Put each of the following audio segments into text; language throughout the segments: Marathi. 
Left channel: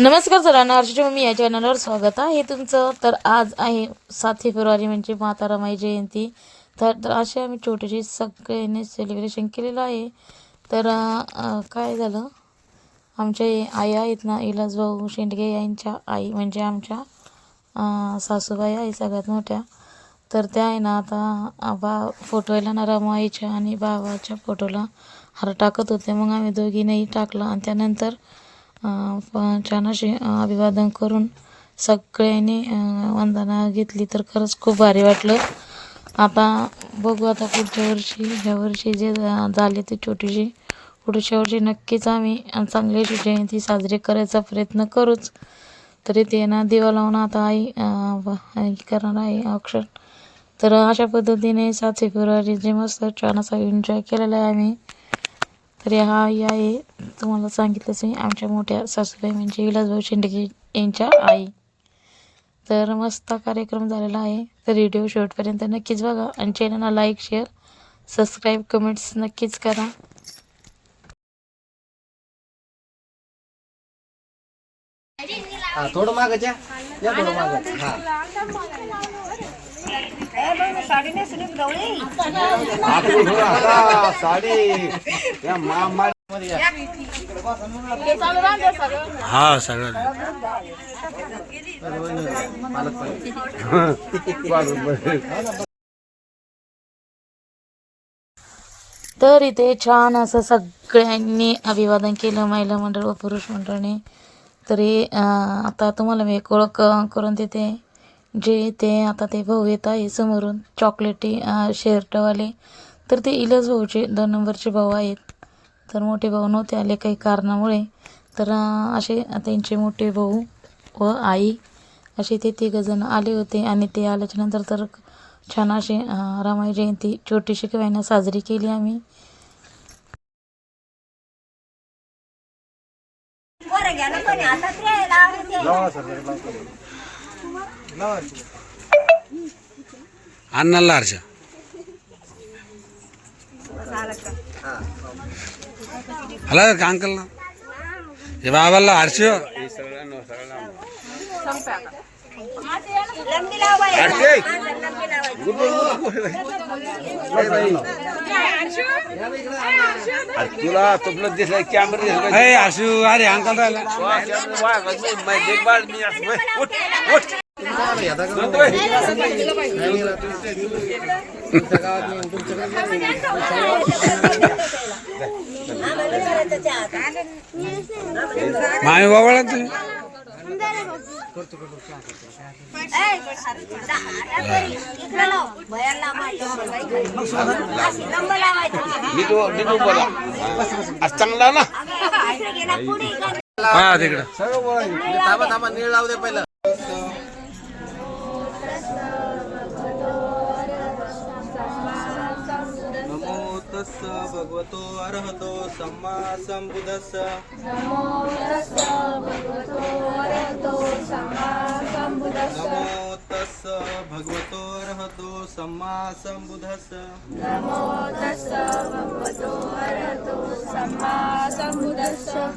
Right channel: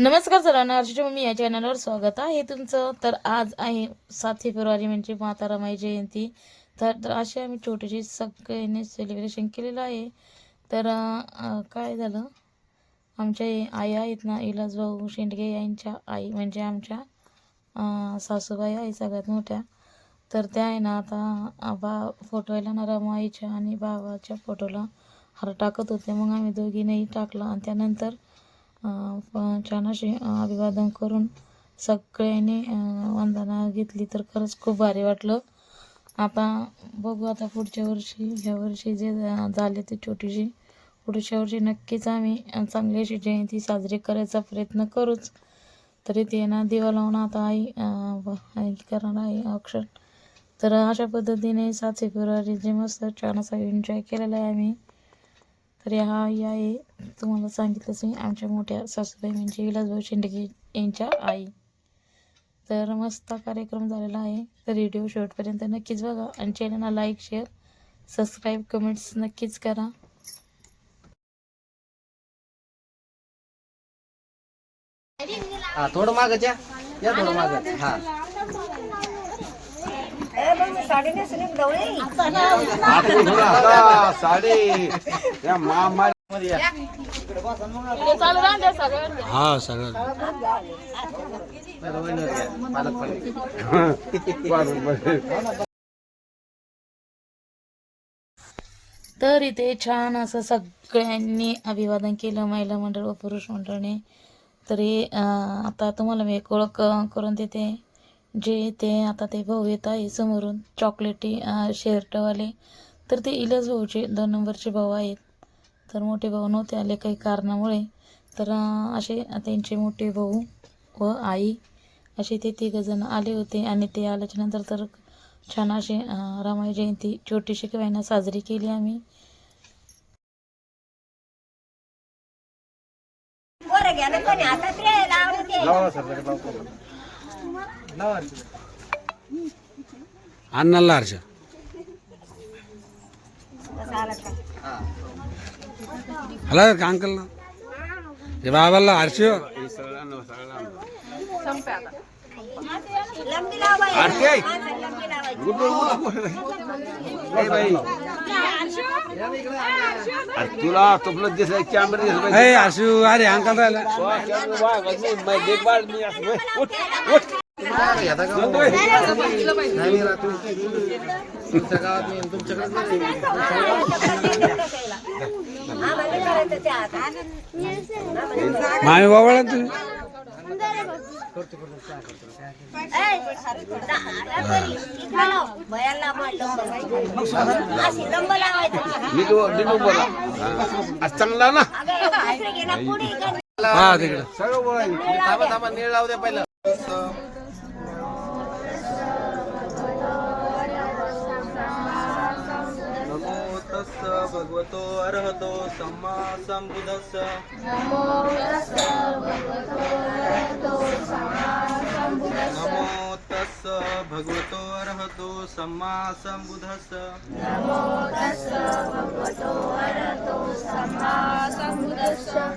नमस्कार सर्वांना, हर्षची मम्मी या चॅनलवर स्वागत आहे तुमचं. तर आज आहे 7 फेब्रुवारी म्हणजे माता रमाई जयंती. तर असे आम्ही छोटेसे सगळ्यांनी सेलिब्रेशन केलेलं आहे. तर काय झालं, आमच्या आई आहेत ना, इलासभाऊ शेंडगे यांच्या आई म्हणजे आमच्या सासूबाई आहे सगळ्यात मोठ्या. तर त्या आहे ना आता फोटोला ना रमाईच्या आणि बाबाच्या फोटोला हार टाकत होते. मग आम्ही दोघींनाही टाकला आणि त्यानंतर छान असे अभिवादन करून सगळ्यांनी वंदना घेतली. तर खरंच खूप भारी वाटलं. आता बघू, आता पुढच्या वर्षी ह्या वर्षी जे झाले ते छोटीशी, पुढच्या वर्षी नक्कीच आम्ही चांगली जयंती साजरी करायचा प्रयत्न करूच. तरी ते ना दिवा लावून आता आई करणार आहे औक्षण. तर अशा पद्धतीने 7 फेब्रुवारी जे मस्त छान असा एन्जॉय केलेला आहे आम्ही. तर हा आहे तुम्हाला सांगितलंच मी, आमच्या मोठ्या सासूबाई म्हणजे इलासभाऊ शेंडगे यांच्या आई. तर मस्त कार्यक्रम झालेला आहे. तर व्हिडिओ शेवटपर्यंत नक्कीच बघा आणि चॅनलला लाईक, शेअर, सबस्क्राईब, कमेंट्स नक्कीच करा. थोडं मागच्या या, थोडं माग. हा सगळं तर इथे छान असं सगळ्यांनी अभिवादन केलं, महिला मंडळ व पुरुष मंडळाने. तरी आता तुम्हाला मी एक ओळख करून देते. जे ते आता ते भाऊ येत आहे समोरून चॉकलेटी शर्टवाले. तर ते इलास भाऊचे 2 नंबरचे भाऊ आहेत. तर मोठे भाऊ नव्हते आले काही कारणामुळे. तर असे त्यांचे मोठे भाऊ व आई असे ते 3 जण आले होते. आणि ते आल्याच्यानंतर तर छान असे रमाई जयंती छोटीशी किंवा साजरी केली आम्ही. अन्नाला हर्ष हला का अंकल ना हे बाबाला हर्ष तुला तुला दिसला कॅमेरा हर्षू. अरे अंकल राहिला मामी बाबाला तुम्ही चांगला ना हा तिकडं नीळ लावू दे पहिलं. भगवतो अर्हतो सम्मा संबुद्धस्स. नमो तस्स भगवतो अर्हतो सम्मा संबुद्धस्स.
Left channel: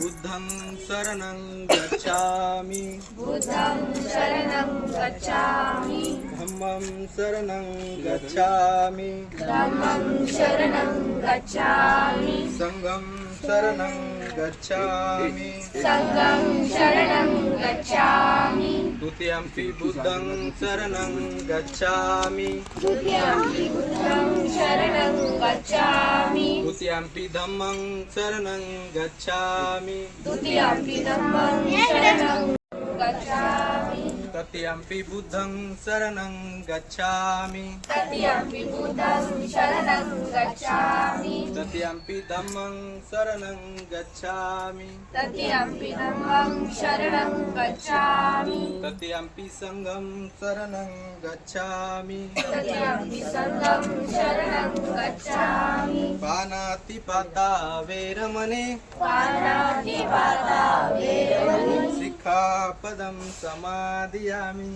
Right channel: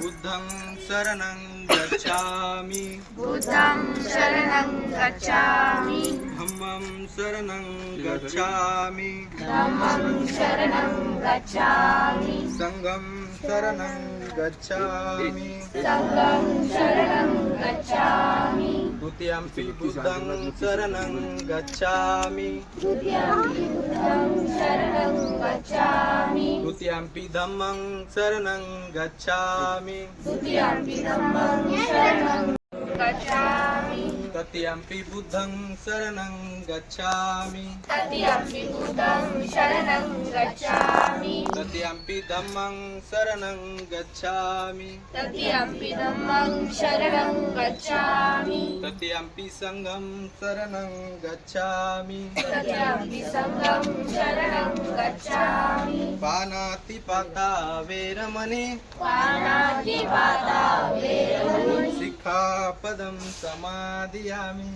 बुद्धं शरणं गच्छामि. धम्मं शरणं गच्छामि. संघं शरणं गच्छामि. द्वितीयंपि बुद्धं शरणं गच्छामि. द्वितीयंपि धम्मं शरणं गच्छामि. तृतीयंपि बुद्धं शरणं गच्छामि. तृतीयंपि धम्मं शरणं गच्छामि. तृतीयंपि संघं शरणं गच्छामि. पानातिपाता वेरमणि. सिक्खापदं समादियामि.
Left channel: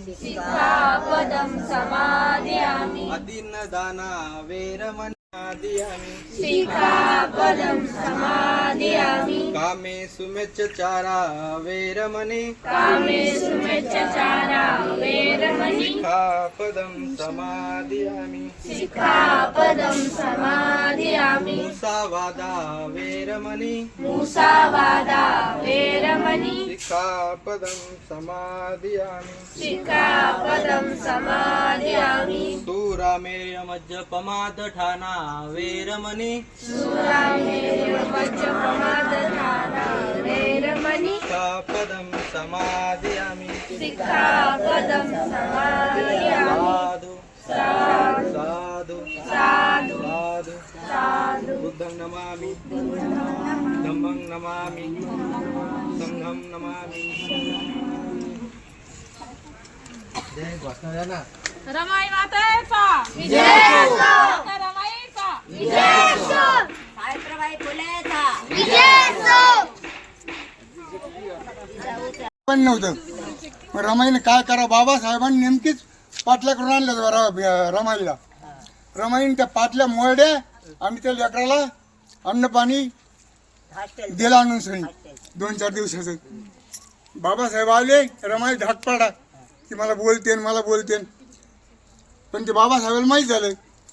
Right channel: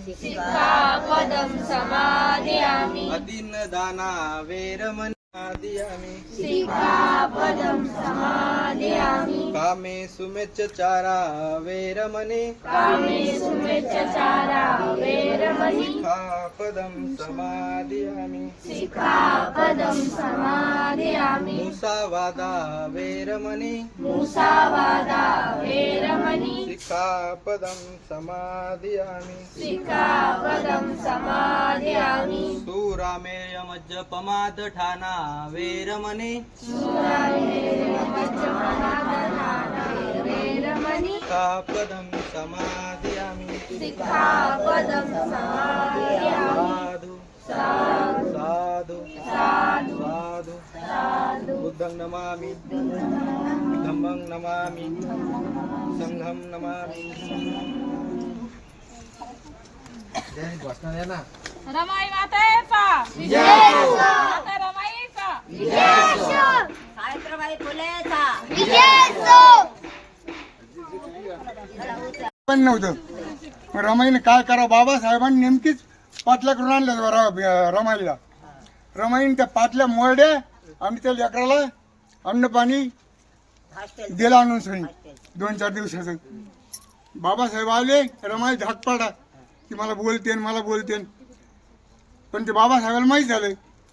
अदिन्नदाना वेरमणि. समादियामि कामे सुमेच्चारा वेरमणि सिक्खापदं समादियामि मुसावादा वेरमणि सिक्खापदं समादियामि सुरामेरमज्जपमादठाना वेरमणि सिक्खापदं समादियामि साधु बुद्धं नमामि धम्मं नमामि संघं नमामि रमाई मातेचा माता रमाईचा सावित्रीबाई फुलेचा पण नव्हतं. मग रमाईने काय करा, बाबासाहेबांनी नेमकीच पाटल्या करून आणलं रमाईला. रमाईने त्या पाटल्या मोरड्या आणि त्या लेकराला अन्न पाणी दिलं आणून सणी 2-4 दिवसाचं. बाबासाहेब आले, रमाई धाक पाडा की मला बोलतेन. पण ते बाबासाहेबाला माहीत झालं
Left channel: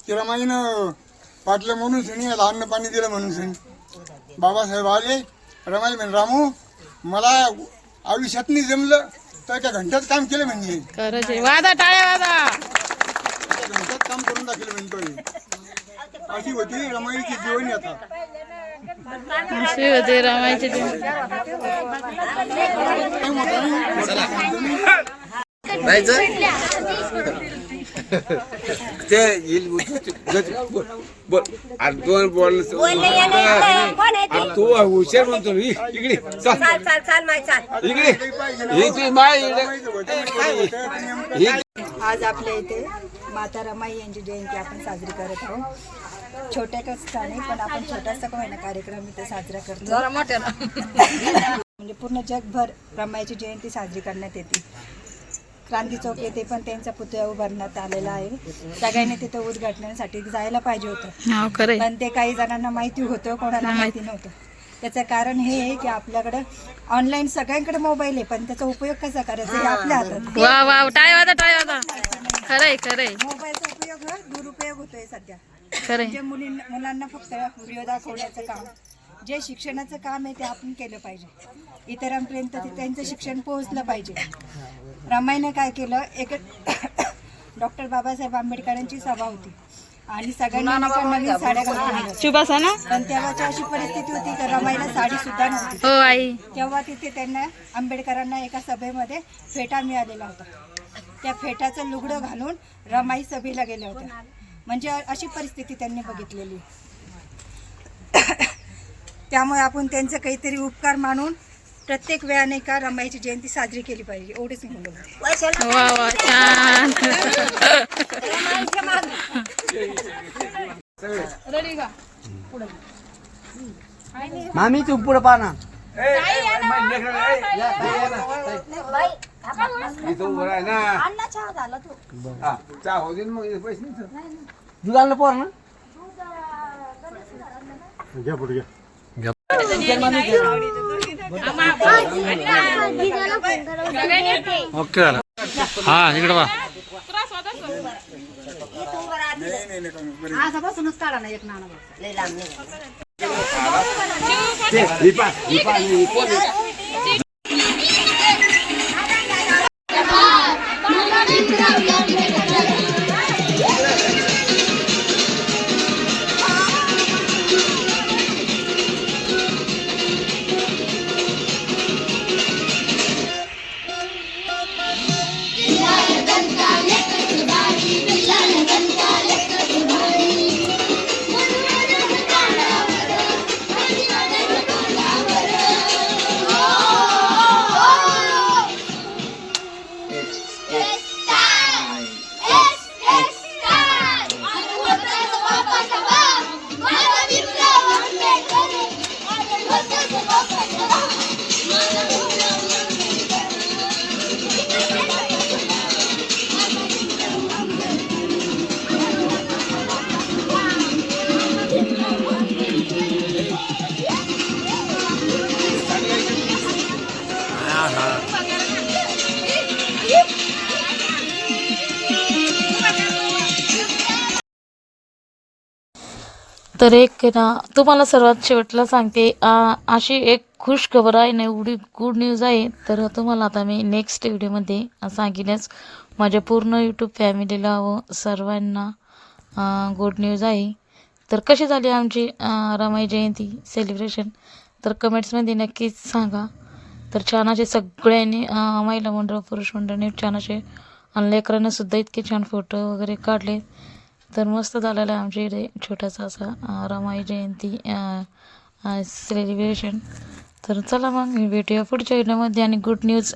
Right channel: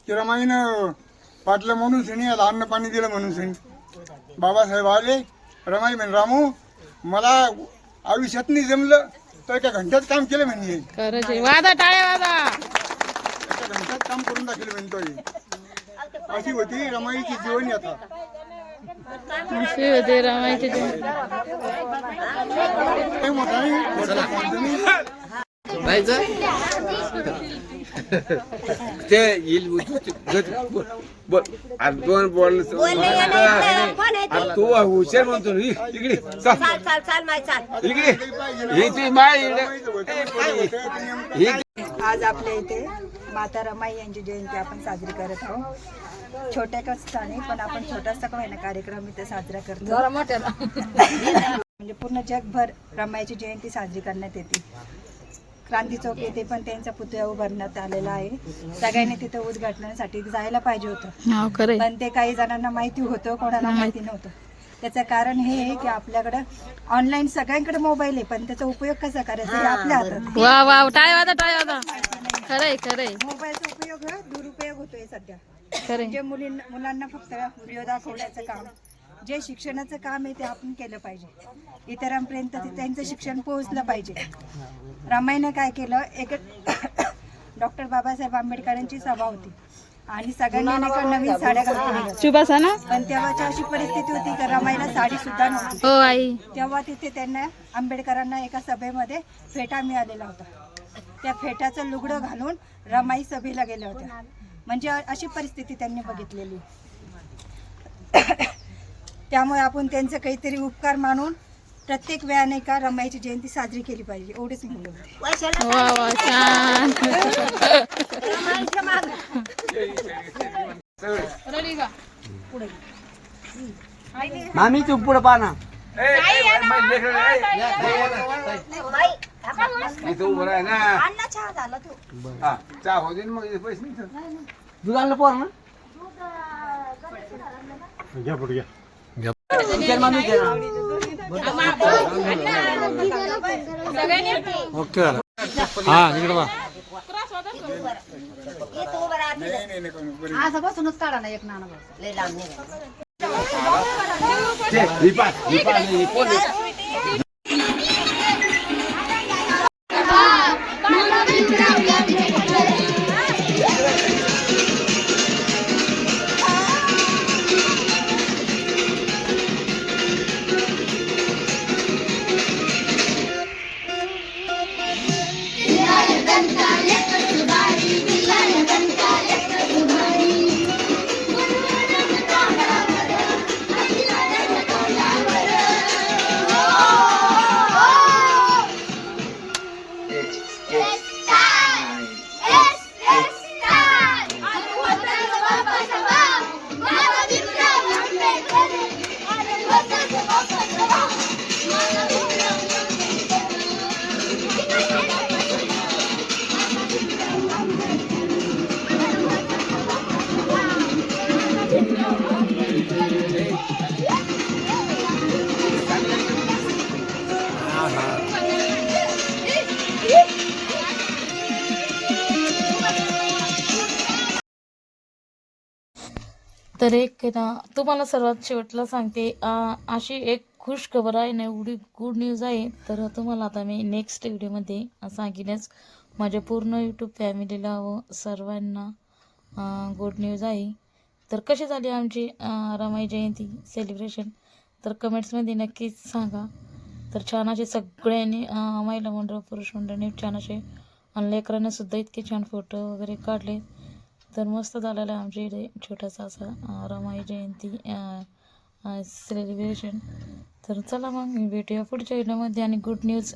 की रमाईनं पाटलं म्हणून सणी याला अन्न पाणी दिलं म्हणून सणी. बाबासाहेब आले, रमाई म्हणे रामू मला आयुष्यात नाही जमलं तर एका घंट्यात काम केलं म्हणजे खरंच आहे. वादा टाळ्या वादा. एका घंट्यात काम करून दाखवलं म्हणतोय. अशी होती रमाईची जीवन आता. अशी होते रमाईची काय मोठा नाही, मोठा सांगतो मी. ते येईल बोल आणि दोन बोल तू हुशार म्हणतो इकडे चाल इकडे ही ती माय आज आपल्या इथे माता रमाई यांची जयंती आपण साजरी करत आहोत. छोट्या ठिकाणी पण आपण छोटासा का होईना कार्यक्रम इथे साजरा करतो. म्हणजे पूर्ण जगभर रमाईची जयंती साजरी करण्यात येते. क्रांती चौक येथे पण त्यांचा पुतळा उभारण्यात आलेला आहे. सगळ्यांनी तिथे उद्घाटनासाठी जायला पाहिजे होतं, पण ते काही जणांना माहिती होतं, कोणाला माहिती नव्हतं. त्याचं कारण हे आहे की आपल्याकडं ऑनलाईन सगळ्यांकडे मोबाईल आहे, पण त्याचा उपयोग कसा करायचा हे आपल्या हातात. वा वा टाळ्या वादा. खरंय मोबाईलचा उपयोग दुरुपयोग होतोय सध्या. खरंय. जे मुलांना फक्त व्हिडिओ दाखवण्याचं काम, जे शिक्षणाचं काम आहे ते आपण केलं पाहिजे. इतरांपर्यंत त्यांचं शिक्षण पोहोचलं पाहिजे. रमाईने काय केलं, एक डॉक्टर बाबासाहेब आंबेडकरांची सभा होती आणि सगळ्यांना नवीन साड्या घालून, पण तेव्हाची अशी परिस्थिती होती की रमाईला साडी सुद्धा नव्हती. हो आई. तेव्हा तिथे त्यांना आंबेडकरांना एका सभेमध्ये फेटा मिळालेला होता. त्या फेटाचं लुगडं घालून रमाई सभेला गेल्या होत्या. म्हणजे अशी परिस्थिती त्यांनी बघितलेली. त्यामुळे आपण त्यांचं काहीतरी उपकार मानून प्रत्येक वेळाने का रमाईची जयंती साजरी केली पाहिजे, एवढेच म्हणलं. वा वा छान. मामी तू पुढे पाना दुधाला पोर ना ओके झालं. हा इकडे वा आजपासूनच काढा ना एक नाणं. हा तर एक आहे ना तुम्हाला सर्वात शेवटला सांगते अशी एक खुश खबर आहे ना, एवढी गुड न्यूज आहे. तर तुम्हाला आता मी नेक्स्ट व्हिडिओमध्ये सांगेनच. माझ्या पूर्ण यूट्यूब फॅमिलीला व सर्वांना गुड न्यूज आहे. तर कशी झाली आमची रमाई जयंती सेलिब्रेशन तर कमेंट्समध्ये नक्कीच सांगा. तर छान असे सगळ्यांनी महिला मंडळ पुरुष मंडळाने छान असे आणि लेकरांना सुद्धा इतके छान फोटो वगैरे काढले. तर मस्त झालेलं आहे आमच्या इथे छोटासा असा रमाई जयंती सेलिब्रेशन. तर चला मग भेटूया पुढच्या व्हिडिओमध्ये आणि गुड न्यूज